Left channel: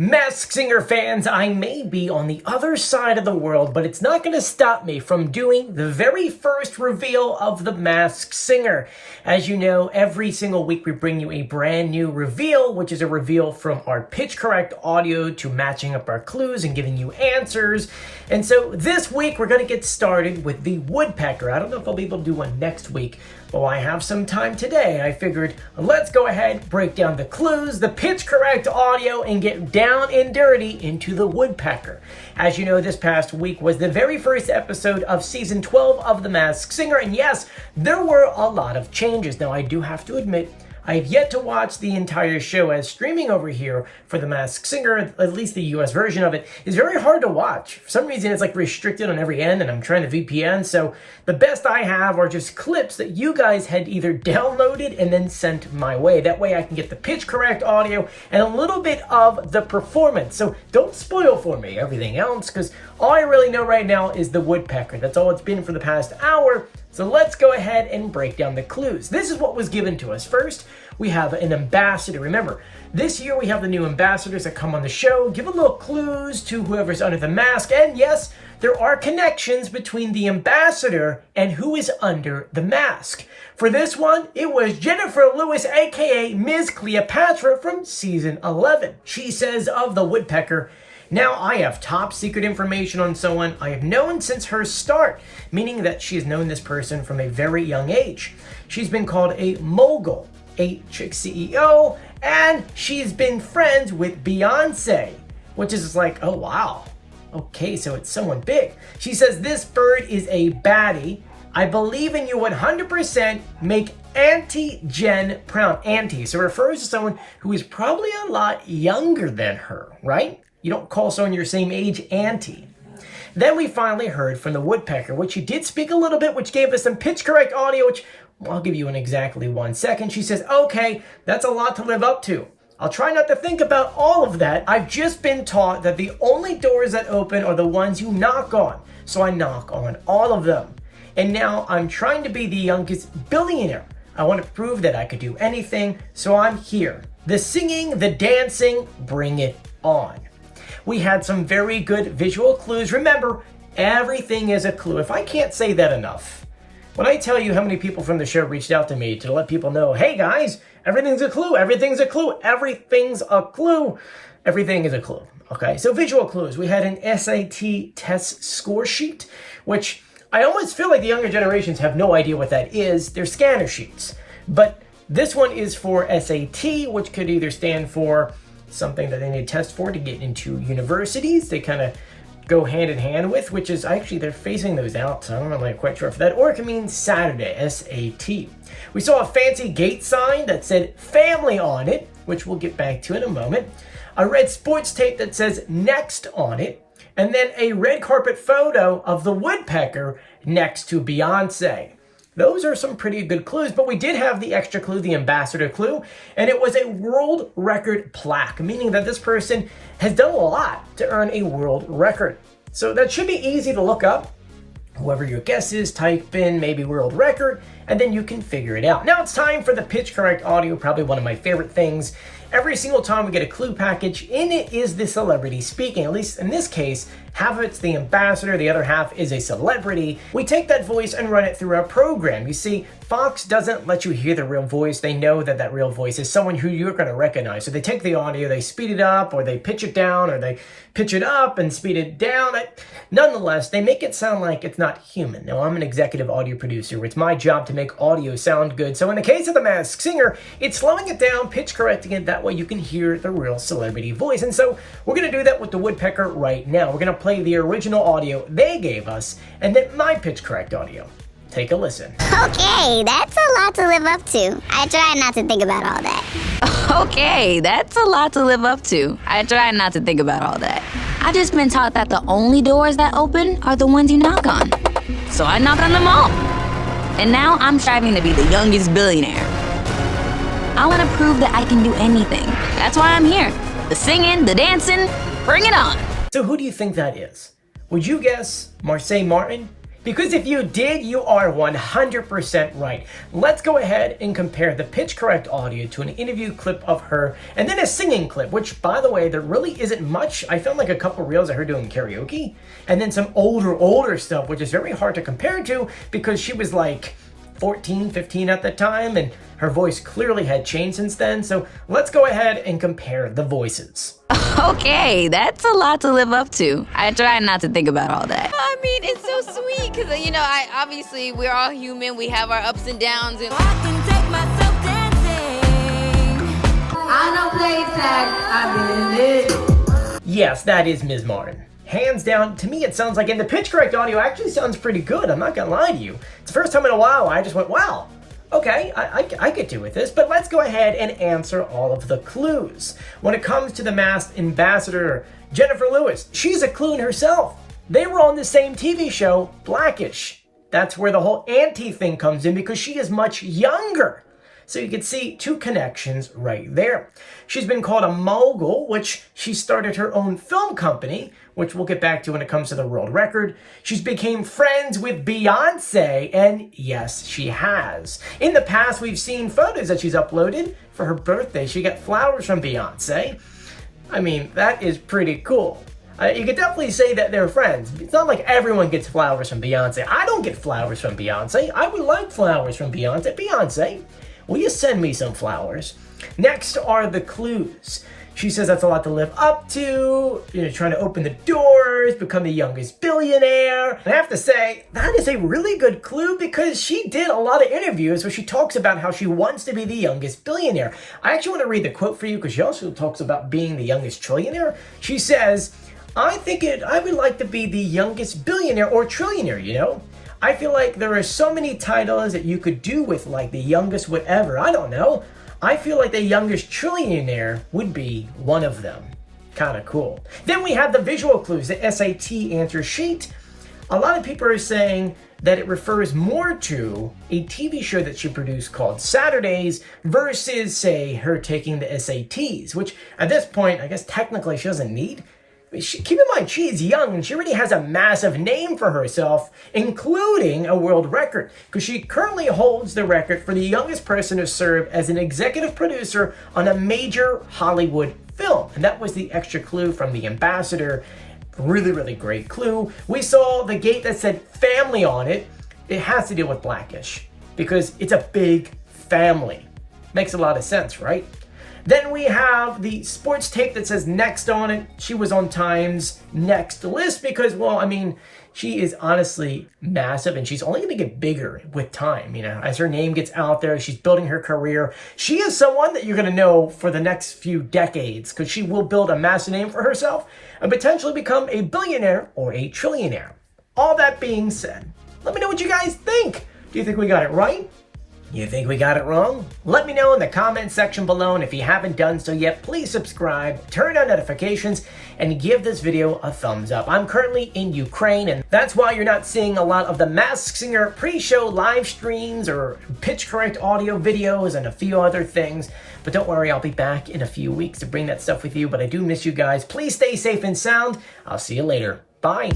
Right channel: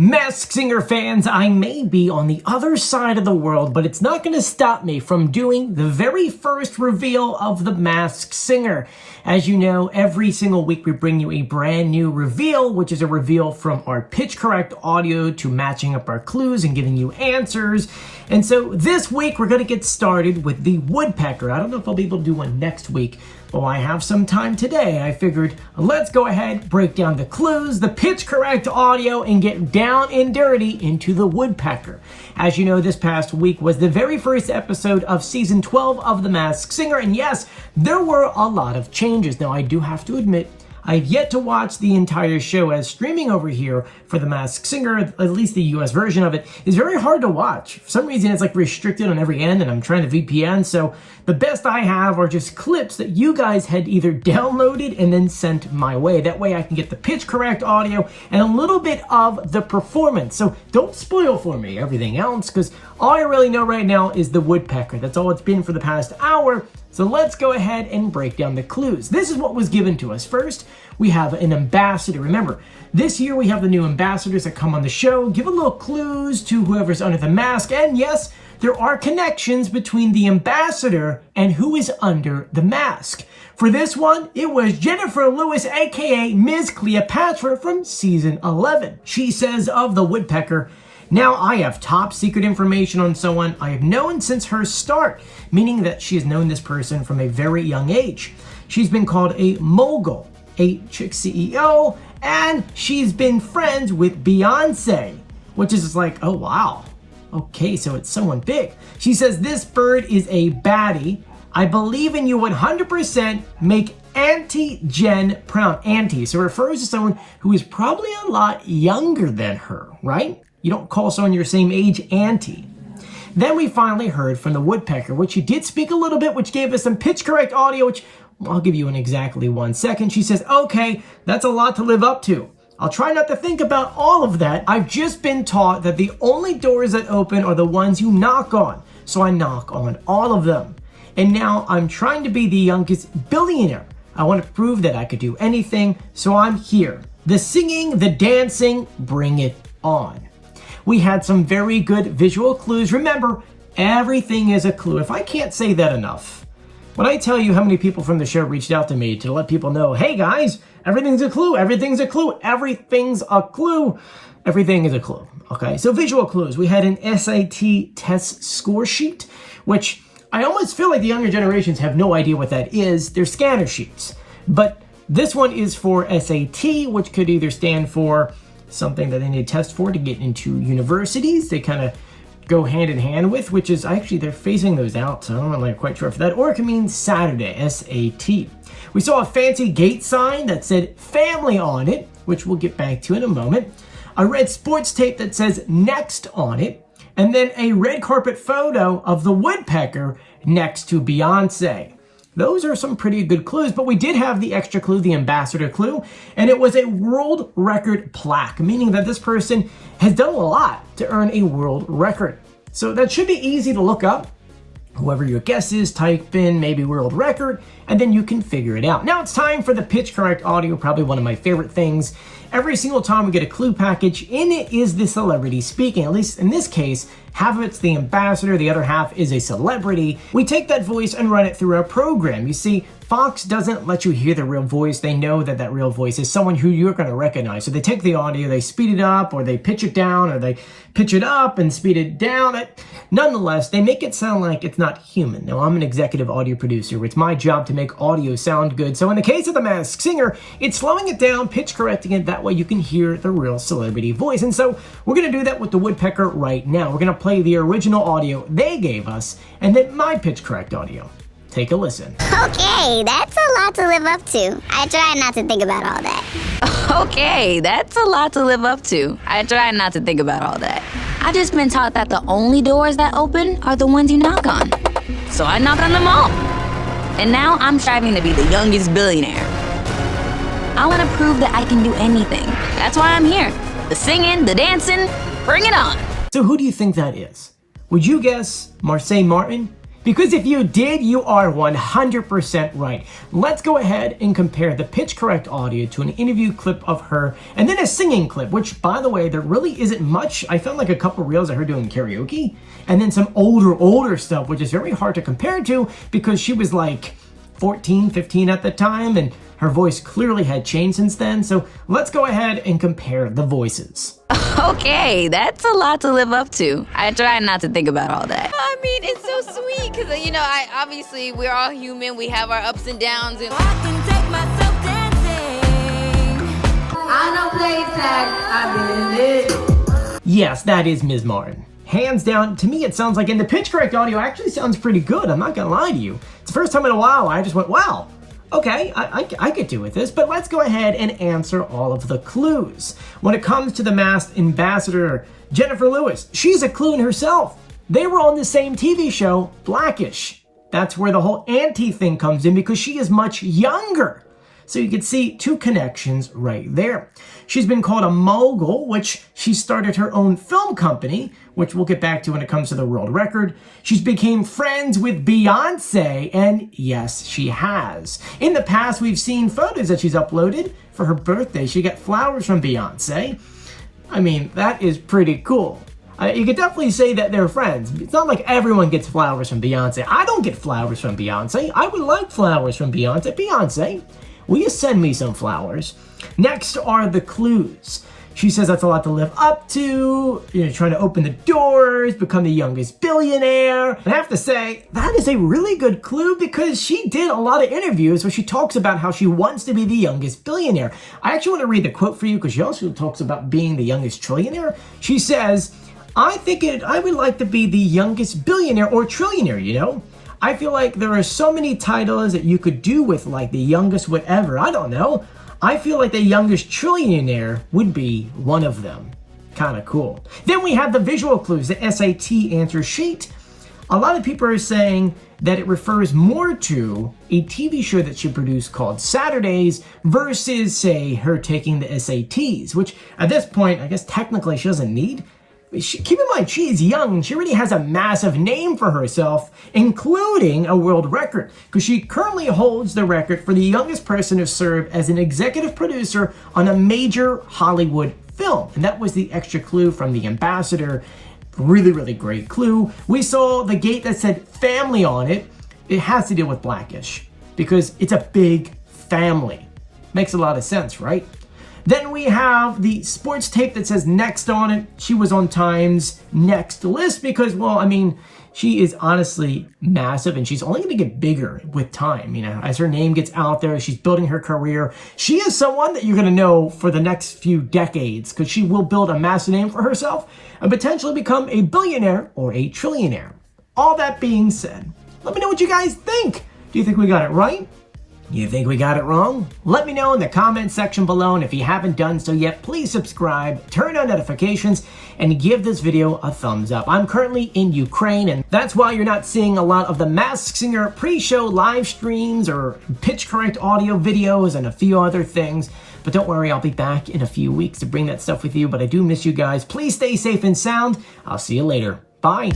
Masked Singer fans, I may be on the other side of the world, but it's not going to stop me from doing the very first reveal of the Masked Singer. As you know, every single week we bring you a brand new reveal, which is a reveal from our pitch correct audio to matching up our clues and giving you answers. And so this week we're going to get started with the Woodpecker. I don't know if I'll be able to do one next week, but I have some time today. I figured let's go ahead, break down the clues, the pitch correct audio, and get down and dirty into the Woodpecker. As you know, this past week was the very first episode of season 12 of The Masked Singer, and yes, there were a lot of changes. Now, I do have to admit, I've yet to watch the entire show, as streaming over here for The Masked Singer, at least the US version of it, is very hard to watch. For some reason, it's like restricted on every end, and I'm trying to VPN, so the best I have are just clips that you guys had either downloaded and then sent my way. That way I can get the pitch correct audio and a little bit of the performance. So don't spoil for me everything else, because all I really know right now is the Woodpecker. That's all it's been for the past hour. So let's go ahead and break down the clues. This is what was given to us. First, we have an ambassador. Remember, this year we have the new ambassadors that come on the show, give a little clues to whoever's under the mask. And yes, there are connections between the ambassador and who is under the mask. For this one, it was Jennifer Lewis, aka Ms. Cleopatra from season 11. She says of the Woodpecker, "Now I have top secret information on someone I have known since her start," meaning that she has known this person from a very young age. She's been called a mogul, a chick CEO, and she's been friends with Beyonce, which is like, oh wow. Okay, so it's someone big. She says, "This bird is a baddie. I believe in you 100%. Make Auntie Jen proud." Auntie, so it refers to someone who is probably a lot younger than her, right? You don't call someone your same age auntie. Then we finally heard from the Woodpecker, which she did speak a little bit, which gave us some pitch correct audio, which I'll give you in exactly 1 second. She says, "Okay, that's a lot to live up to. I'll try not to think about all of that. I've just been taught that the only doors that open are the ones you knock on. So I knock on all of them. And now I'm trying to be the youngest billionaire. I want to prove that I could do anything, so I'm here. The singing, the dancing, bring it on." We had some very good visual clues. Remember, everything is a clue. If I can't say that enough, when I tell you how many people from the show reached out to me to let people know, hey guys, everything's a clue, everything's a clue, everything's a clue, everything is a clue. Okay, so visual clues. We had an SAT test score sheet, which I almost feel like the younger generations have no idea what that is. They're scanner sheets. But this one is for SAT, which could either stand for something that they need to test for to get into universities. They kind of go hand in hand with, which is actually they're phasing those out, so I'm not really quite sure for that. Or it can mean Saturday, SAT. We saw a fancy gate sign that said family on it, which we'll get back to in a moment. A red sports tape that says next on it, and then a red carpet photo of the Woodpecker next to Beyonce. Those are some pretty good clues, but we did have the extra clue, the ambassador clue, and it was a world record plaque, meaning that this person has done a lot to earn a world record. So that should be easy to look up. Whoever your guess is, type in maybe world record, and then you can figure it out. Now it's time for the pitch correct audio, probably one of my favorite things. Every single time we get a clue package, in it is the celebrity speaking. At least in this case, half of it's the ambassador, the other half is a celebrity. We take that voice and run it through our program. You see, Fox doesn't let you hear the real voice. They know that that real voice is someone who you're going to recognize. So they take the audio, they speed it up, or they pitch it down, or they pitch it up and speed it down. Nonetheless, they make it sound like it's not human. Now, I'm an executive audio producer. It's my job to make audio sound good. So in the case of The Masked Singer, it's slowing it down, pitch correcting it. That way you can hear the real celebrity voice. And so we're going to do that with the Woodpecker right now. We're going to play the original audio they gave us, and then my pitch correct audio. Take a listen. Okay, that's a lot to live up to. I try not to think about all that. Okay, that's a lot to live up to. I try not to think about all that. I've just been taught that the only doors that open are the ones you knock on. So I knock on them all. And now I'm striving to be the youngest billionaire. I want to prove that I can do anything. That's why I'm here. The singing, the dancing, bring it on. So who do you think that is? Would you guess Marseille Martin? Because if you did, you are 100% right. Let's go ahead and compare the pitch correct audio to an interview clip of her and then a singing clip, which, by the way, there really isn't much. I found like a couple reels of her doing karaoke and then some older stuff, which is very hard to compare to because she was like 14, 15 at the time, and her voice clearly had changed since then. So let's go ahead and compare the voices. Okay, that's a lot to live up to. I try not to think about all that. I mean, it's so sweet because, obviously we're all human. We have our ups and downs. And I can take myself dancing. I don't play tag, I've been in it. Yes, that is Ms. Martin. Hands down, to me it sounds like, and the pitch correct audio actually sounds pretty good, I'm not gonna lie to you. It's the first time in a while I just went, wow, okay, I could do with this, but let's go ahead and answer all of the clues. When it comes to the Masked Ambassador, Jennifer Lewis, she's a clue in herself. They were on the same TV show, Blackish. That's where the whole auntie thing comes in because she is much younger. So you can see two connections right there. She's been called a mogul, which she started her own film company, which we'll get back to when it comes to the world record. She's became friends with Beyonce, and yes, she has. In the past, we've seen photos that she's uploaded. For her birthday, she got flowers from Beyonce. I mean, that is pretty cool. You could definitely say that they're friends. It's not like everyone gets flowers from Beyonce. I don't get flowers from Beyonce. I would like flowers from Beyonce. Beyonce, will you send me some flowers? Next are the clues. She says that's a lot to live up to, trying to open the doors, become the youngest billionaire. And I have to say, that is a really good clue because she did a lot of interviews where she talks about how she wants to be the youngest billionaire. I actually want to read the quote for you because she also talks about being the youngest trillionaire. She says, I would like to be the youngest billionaire or trillionaire, I feel like there are so many titles that you could do with like the youngest whatever, I don't know. I feel like the youngest trillionaire would be one of them. Kind of cool. Then we have the visual clues, the SAT answer sheet. A lot of people are saying that it refers more to a TV show that she produced called Saturdays versus, say, her taking the SATs, which at this point, I guess technically she doesn't need. Keep in mind, she is young and she already has a massive name for herself, including a world record, because she currently holds the record for the youngest person to serve as an executive producer on a major Hollywood film. And that was the extra clue from the ambassador. Really, really great clue. We saw the gate that said family on it. It has to deal with Blackish because it's a big family. Makes a lot of sense, right? Then we have the sports tape that says next on it. She was on Time's next list because, she is honestly massive and she's only going to get bigger with time. As her name gets out there, she's building her career. She is someone that you're going to know for the next few decades because she will build a massive name for herself and potentially become a billionaire or a trillionaire. All that being said, let me know what you guys think. Do you think we got it right? You think we got it wrong? Let me know in the comment section below, and if you haven't done so yet, please subscribe, turn on notifications, and give this video a thumbs up. I'm currently in Ukraine, and that's why you're not seeing a lot of the Masked Singer pre-show live streams or pitch correct audio videos and a few other things. But don't worry, I'll be back in a few weeks to bring that stuff with you, but I do miss you guys. Please stay safe and sound. I'll see you later. Bye.